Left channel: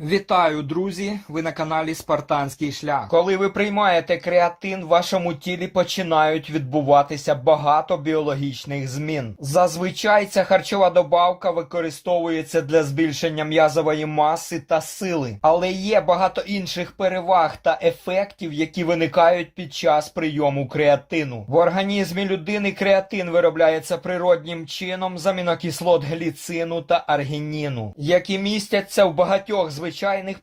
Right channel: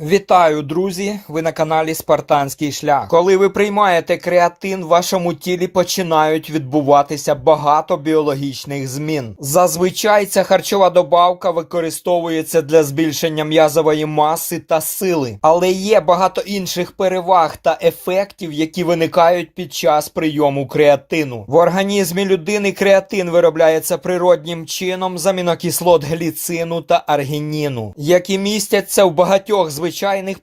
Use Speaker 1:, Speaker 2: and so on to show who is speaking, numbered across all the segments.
Speaker 1: Вітаю, друзі! Ви на каналі Спартанський шлях. Коли ви приймаєте креатин, в вашому тілі починають відбуватися багато біологічних змін. Зазвичай ця харчова добавка використовується для збільшення м'язової маси та сили, але є багато інших переваг та ефектів, які виникають під час прийому креатину. В організмі людини креатин виробляється природнім чином з амінокислот гліцину та аргініну, які містяться в багатьох звичайних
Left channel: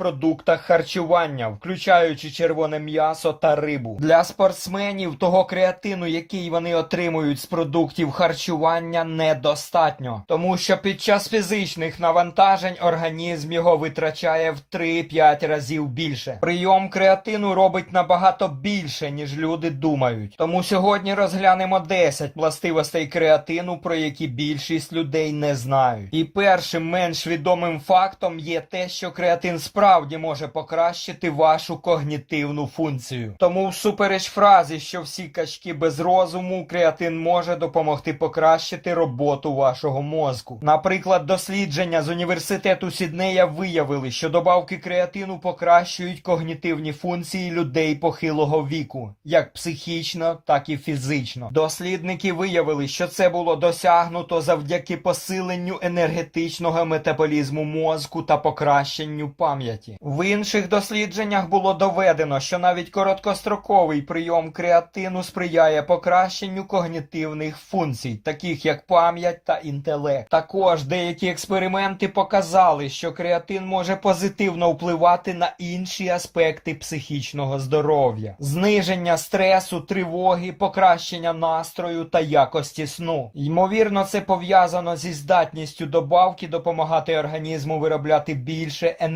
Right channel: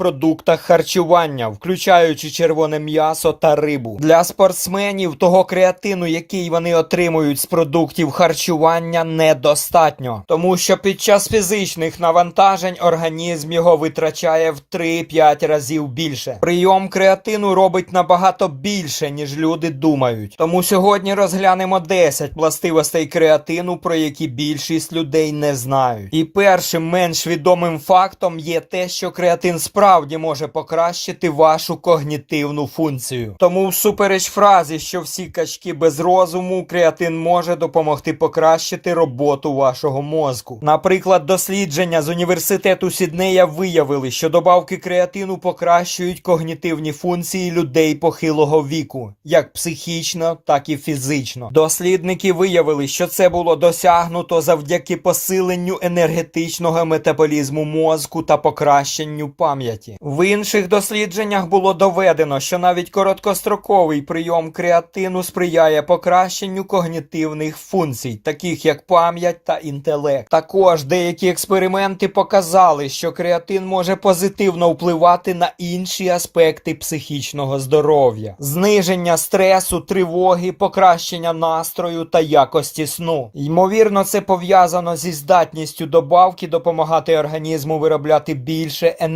Speaker 1: продуктах харчування, включаючи червоне м'ясо та рибу. Для спортсменів того креатину, який вони отримують з продуктів харчування, недостатньо, тому що під час фізичних навантажень організм його витрачає в 3-5 разів більше. Прийом креатину робить набагато більше, ніж люди думають. Тому сьогодні розглянемо 10 властивостей креатину, про які більшість людей не знають. І першим менш відомим фактом є те, що креатин справді може покращити вашу когнітивну функцію. Тому, всупереч фразі, що всі качки без розуму, креатин може допомогти покращити роботу вашого мозку. Наприклад, дослідження з університету Сіднея виявили, що добавки креатину покращують когнітивні функції людей похилого віку, як психічно, так і фізично. Дослідники виявили, що це було досягнуто завдяки посиленню енергетичного метаболізму мозку та покращенню пам'яті. В інших дослідженнях було доведено, що навіть короткостроковий прийом креатину сприяє покращенню когнітивних функцій, таких як пам'ять та інтелект. Також деякі експерименти показали, що креатин може позитивно впливати на інші аспекти психічного здоров'я, зниження стресу, тривоги, покращення настрою та якості сну. Ймовірно, це пов'язано зі здатністю добавки допомагати організму виробляти більше енергії,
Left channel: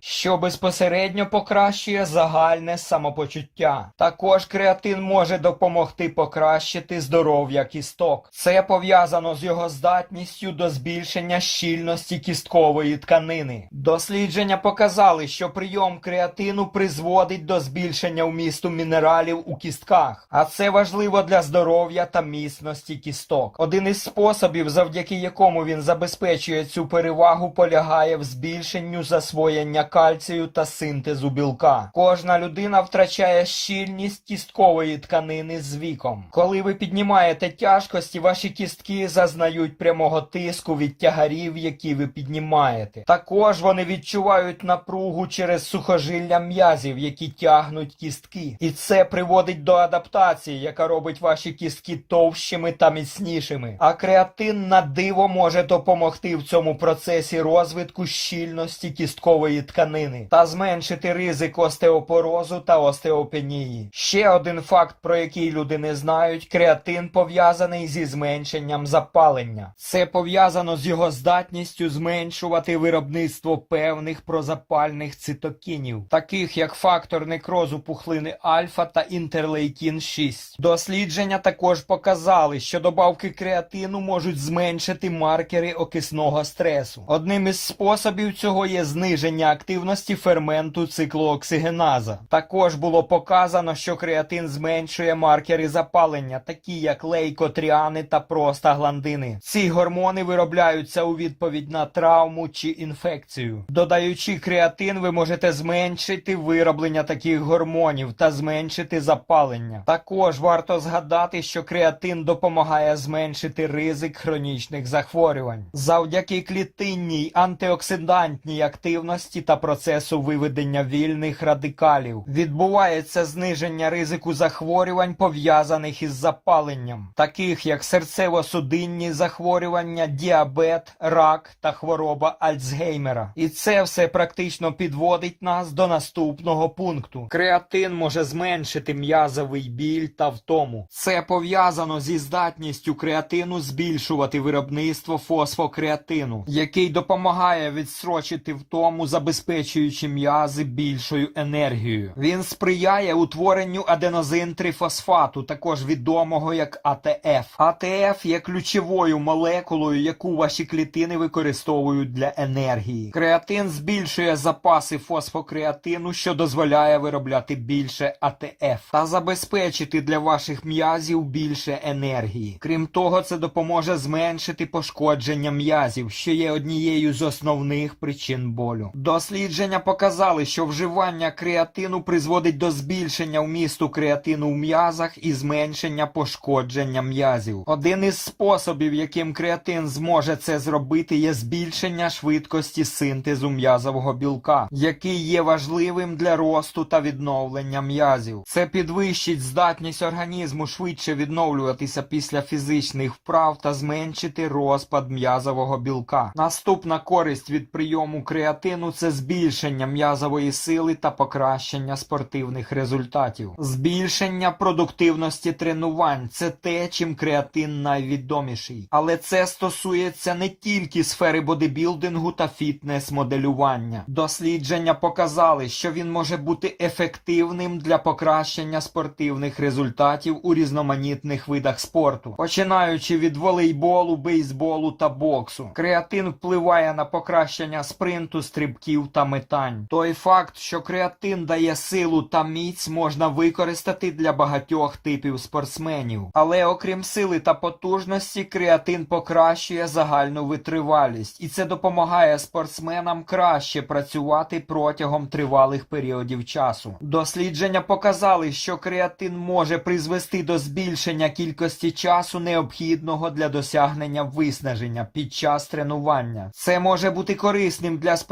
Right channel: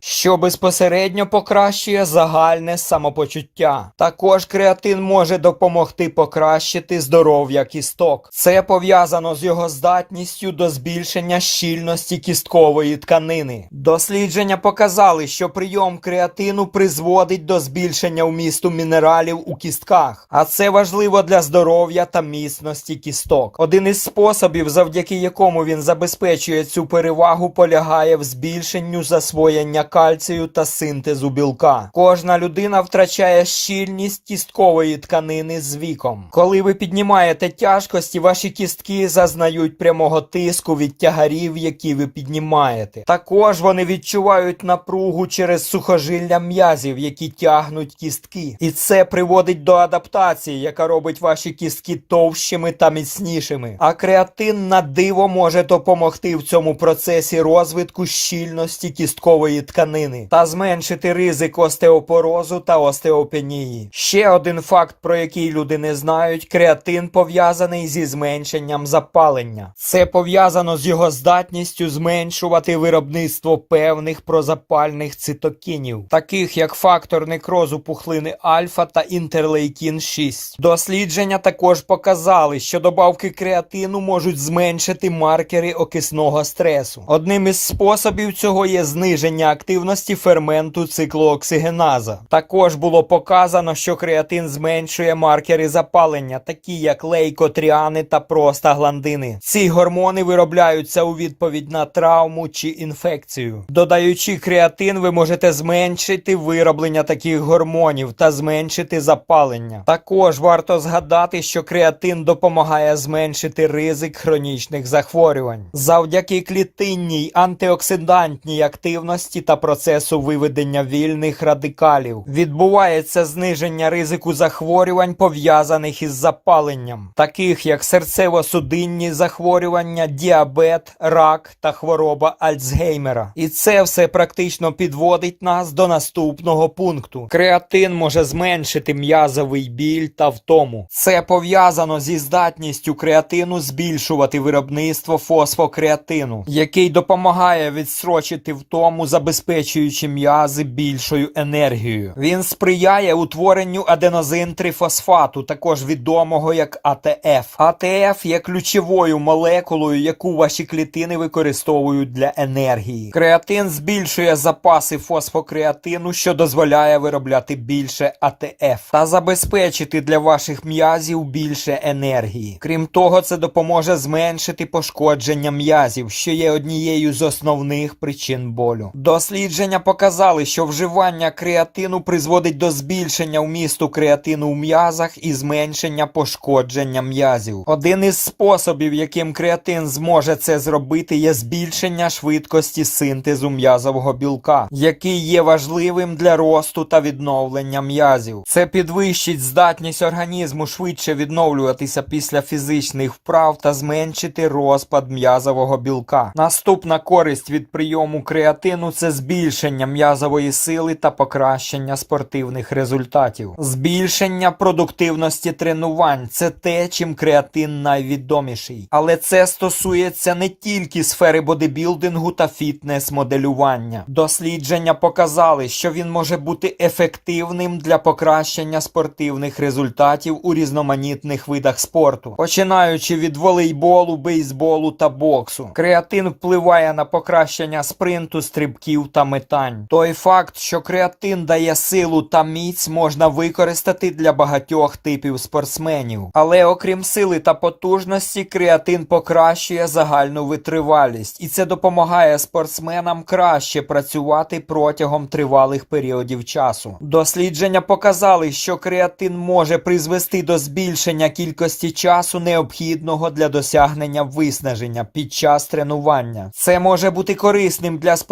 Speaker 1: що безпосередньо покращує загальне самопочуття. Також креатин може допомогти покращити здоров'я кісток. Це пов'язано з його здатністю до збільшення щільності кісткової тканини. Дослідження показали, що прийом креатину призводить до збільшення вмісту мінералів у кістках, а це важливо для здоров'я та міцності кісток. Один із способів, завдяки якому він забезпечує цю перевагу, полягає в збільшенню засвоєння кальцію та синтезу білка. Кожна людина втрачає щільність кісткової тканини з віком. Коли ви піднімаєте тяжкості, ваші кістки зазнають прямого тиску від тягарів, які ви піднімаєте. Також вони відчувають напругу через сухожилля м'язів, які тягнуть кістки. І це приводить до адаптації, яка робить ваші кістки товщими та міцнішими. А креатин на диво може допомогти в цьому процесі розвитку щільності кісткової тканини та зменшити ризик остеопорозу та остеопенії. Ще один факт, про який люди не знають: креатин пов'язаний зі зменшенням запалення. Це пов'язано з його здатністю зменшувати виробництво певних прозапальних цитокінів, таких як фактор некрозу пухлини альфа та інтерлейкін 6. Дослідження також показали, що добавки креатину можуть зменшити маркери окисного стресу. Одним із способів цього є зниження активності ферменту циклооксигеназа. Також було показано, що креатин зменшує маркери запалення, такі як лейкотріани та простагландини. Ці гормони виробляються у відповідь на травму чи інфекцію. Додаючи креатин, ви можете зменшити вироблення таких гормонів та зменшити запалення. Також варто згадати, що креатин допомагає зменшити ризик хронічних захворювань завдяки клітинній антиоксидантній активності та процесу виведення вільних радикалів. Відбувається зниження ризику захворювань, пов'язаних із запаленням, таких як серцево-судинні захворювання, діабет, рак та хвороба Альцгеймера. І це все практично підводить нас до наступного пункту. Креатин може зменшити м'язовий біль та втому. Це пов'язано зі здатністю креатину збільшувати виробництво фосфокреатину, який допомагає відстрочити втому, забезпечуючи м'язи більшою енергією. Він сприяє утворенню аденозин-трифосфату, також відомого як АТФ. АТФ є ключовою молекулою, яку ваші клітини використовують для енергії. Креатин збільшує запаси фосфокреатину, що дозволяє виробляти більше АТФ та забезпечити для ваших м'язів більше енергії. Крім того, це допоможе зменшити пошкодження м'язів, що є однією з основних причин болю. Болю. Дослідження показали, що вживання креатину призводить до збільшення вмісту креатину в м'язах і зменшення пошкодження м'язів. Один із способів, яким креатин зможе це зробити, є збільшення швидкості синтезу м'язового білка, який є важливим для росту та відновлення м'язів. Це підвищить здатність організму швидше відновлюватися після фізичних вправ та зменшити розпад м'язового білка. Наступна користь від прийому креатину це збільшення м'язової сили та покращення спортивних результатів. Збільшення продуктивності тренувань це те, чим креатин найвідоміший. Але це стосується не тільки сфери бодибілдингу та фітнес-моделювання. Дослідження показали, що він може бути ефективним для покращення спортивних результатів у різноманітних видах спорту, починаючи від волейболу, бейсболу та боксу. Креатин впливає на покращення спринту, стрибків та метань. Той факт, що креатин дає силу та міць, можна використати для багатьох типів спортсменів. Але окрім сили та потужності, креатин покращує загальну витривалість, і це допомагає спортсменам краще працювати протягом тривалих періодів часу. Дослідження показали, що креатин може призвести до збільшення кількості часу, необхідного для досягнення виснаження під час тренування. Це може бути корисним для спортсменів,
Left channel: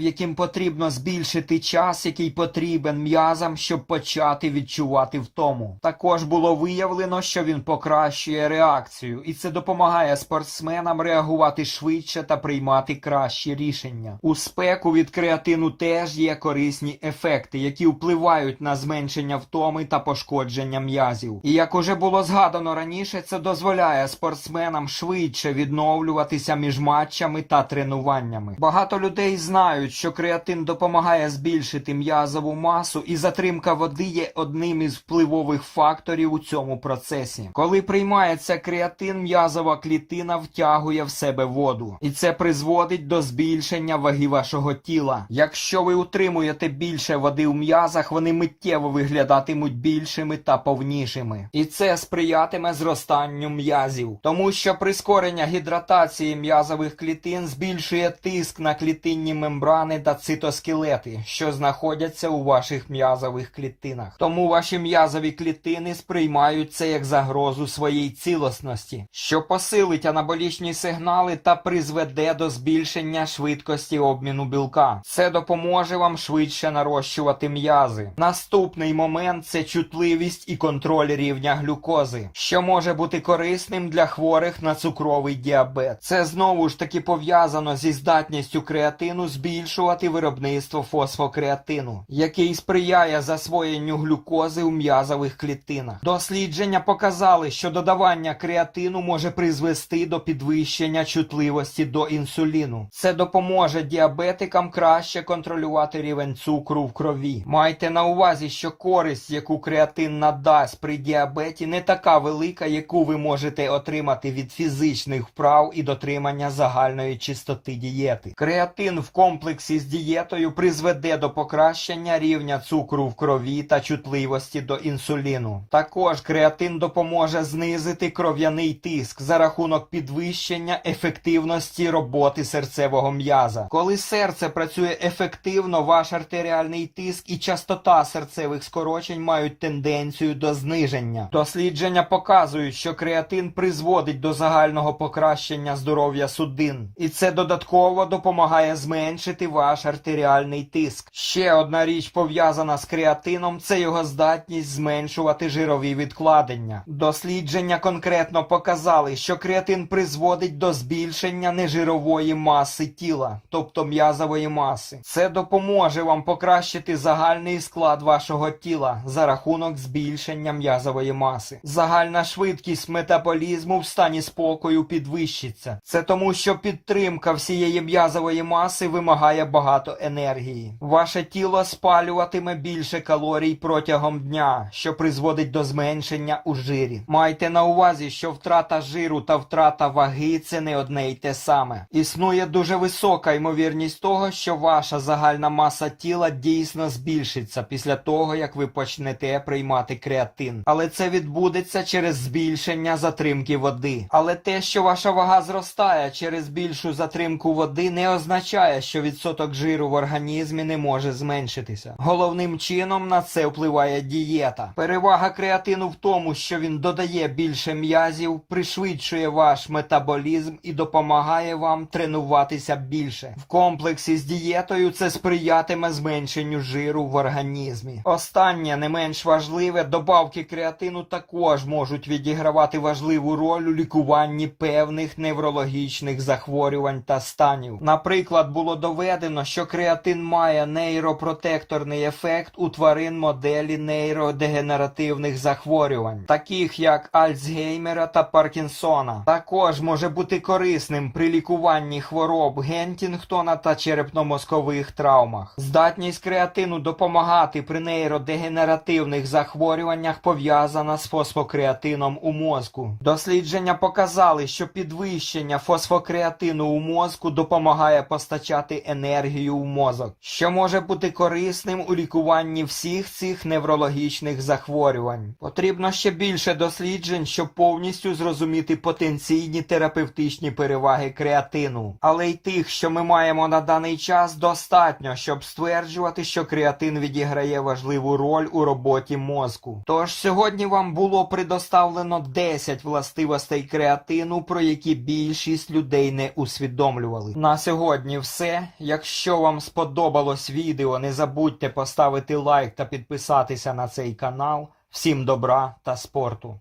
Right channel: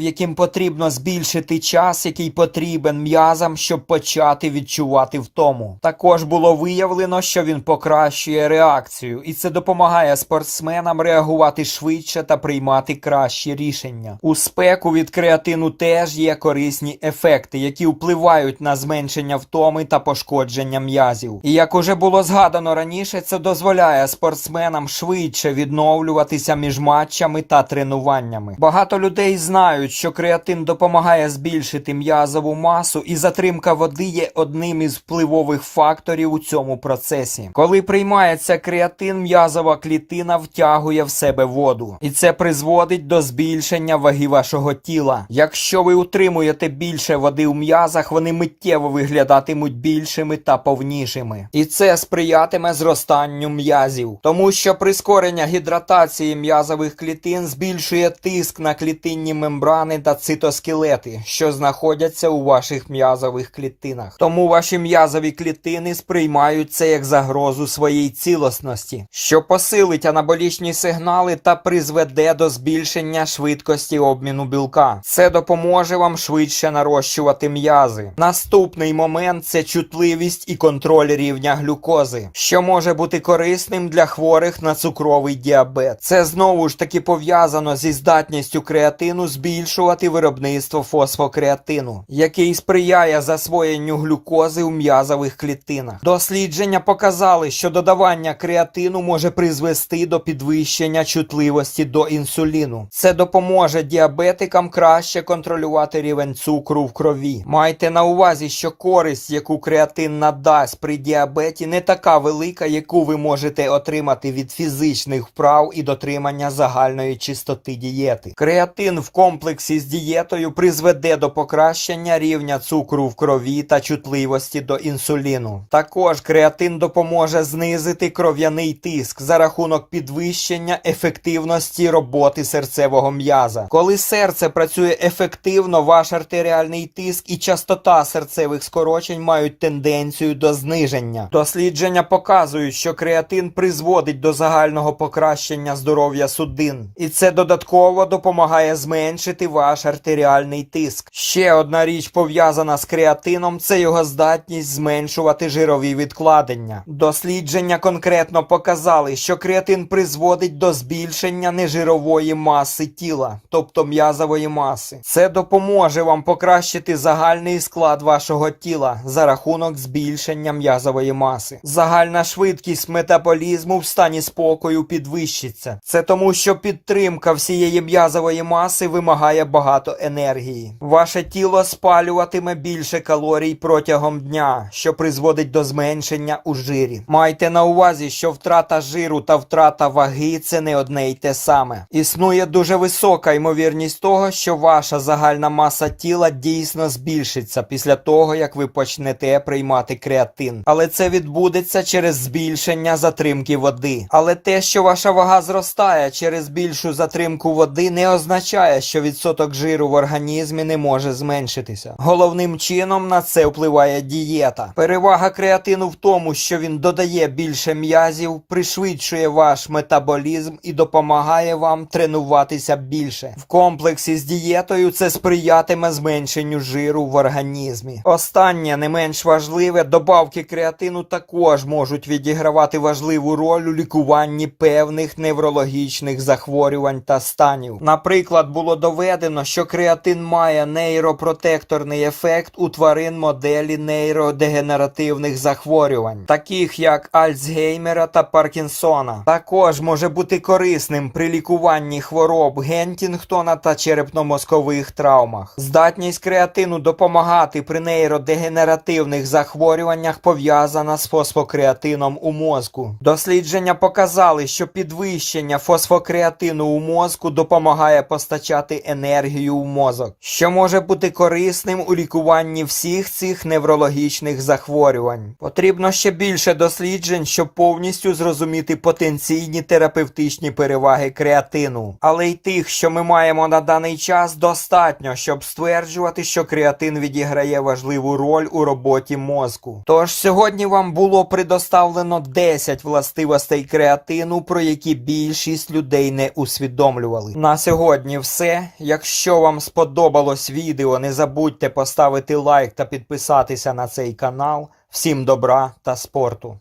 Speaker 1: яким потрібно збільшити час, який потрібен м'язам, щоб почати відчувати втому. Також було виявлено, що він покращує реакцію, і це допомагає спортсменам реагувати швидше та приймати кращі рішення. У спеку від креатину теж є корисні ефекти, які впливають на зменшення втоми та пошкодження м'язів. І як уже було згадано раніше, це дозволяє спортсменам швидше відновлюватися між матчами та тренуваннями. Багато людей знають, що креатин допомагає збільшити м'язову масу, і затримка води є одним із впливових факторів у цьому процесі. Коли приймається креатин, м'язова клітина втягує в себе воду, і це призводить до збільшення ваги вашого тіла. Якщо ви утримуєте більше води в м'язах, вони миттєво виглядатимуть більшими та повнішими. І це сприятиме зростанню м'язів, тому що прискорення гідратації м'язових клітин збільшує тиск на клітинні мембрани та цитоскелети, що знаходяться у ваших м'язових клітинах. Тому ваші м'язові клітини сприймають це як загрозу своїй цілісності, що посилить анаболічні сигнали та призведе до збільшення швидкості обміну білка. Це допоможе вам швидше нарощувати м'язи. Наступний момент це чутливість і контроль рівня глюкози, що може бути корисним для хворих на цукровий діабет. Це знову ж таки пов'язано зі здатністю креатину збільшувати виробництво фосфокреатину, який сприяє засвоєнню глюкози у м'язових клітинах. Дослідження показали, що додавання креатину може призвести до підвищення чутливості до інсуліну. Це допоможе діабетикам краще контролювати рівень цукру в крові. Майте на увазі, що користь, яку креатин надасть при діабеті, не така велика, яку ви можете отримати від фізичних вправ і дотримання загальної чистоти дієти. Креатин в комплексі з дієтою призведе до покращення рівня цукру в крові та чутливості до інсуліну. Також креатин допоможе знизити кров'яний тиск за рахунок підвищення ефективності роботи серцевого м'яза. Коли серце працює ефективно, ваш артеріальний тиск і частота серцевих скорочень мають тенденцію до зниження. Дослідження показують, що креатин призводить до загального покращення здоров'я судин, і це додатково допомагає зменшити ваш артеріальний тиск. Ще одна річ пов'язана з креатином це його здатність зменшувати жирові відкладення. Дослідження конкретно показали, що креатин призводить до збільшення нежирової маси тіла, тобто м'язової маси. Це допоможе вам покращити загальний склад вашого тіла за рахунок збільшення м'язової маси. Загальна швидкість метаболізму в стані спокою підвищиться. Це тому, що підтримка всієї м'язової маси вимагає багато енергії. Ваше тіло спалюватиме більше калорій протягом дня, що призводить до зменшення у жирі. Майте на увазі, що втрата жиру та втрата ваги це не одне й те саме. Існує дуже висока ймовірність того, що ваша загальна маса тіла дійсно збільшиться після того, як ви почнете приймати креатин. Але це відбудеться через збільшення затримки води. Але те, що ваша вага зростає через більшу затримку води, не означає. Означає, що відсоток жиру в організмі не може зменшитися. Головним чином на це впливає дієта. Перевага креатину в тому, що він додає більше м'язів, пришвидшує ваш метаболізм і допомагає вам тренуватися більше. В комплексі з дієтою це сприятиме зменшенню жиру в організмі. Останнє не менш важливе, добавки креатину також можуть відігравати важливу роль у лікуванні певних неврологічних захворювань та станів. Наприклад, було доведено, що креатин має нейропротекторний ефект у тварин моделі нейродегенеративних захворювань, таких як Альцгеймера та Паркінсона. Також може бути корисним при лікуванні хвороб Гентінгтона та черепно-мозкових травмах. Здатність креатину допомагати при нейродегенеративних захворюваннях пов'язана з фосфокреатином у мозку. Дослідження показали, що підвищення фосфокреатину у мозку допомагає постачати енергію в мозок, що може бути корисним у лікуванні всіх цих неврологічних захворювань. Потрібно ще більше досліджень, щоб повністю зрозуміти потенційні терапевтичні переваги креатину. Але й тих, що ми маємо на даний час, достатньо, щоб стверджувати, що креатин відіграє важливу роль у роботі мозку. Тож сьогодні вам було предоставлено 10 властивостей креатину, про які більшість людей не усвідомлювали. На сьогодні все. Якщо вам сподобалось відео, не забудьте поставити лайк та підписатися на цей канал. Всім добра та спорту!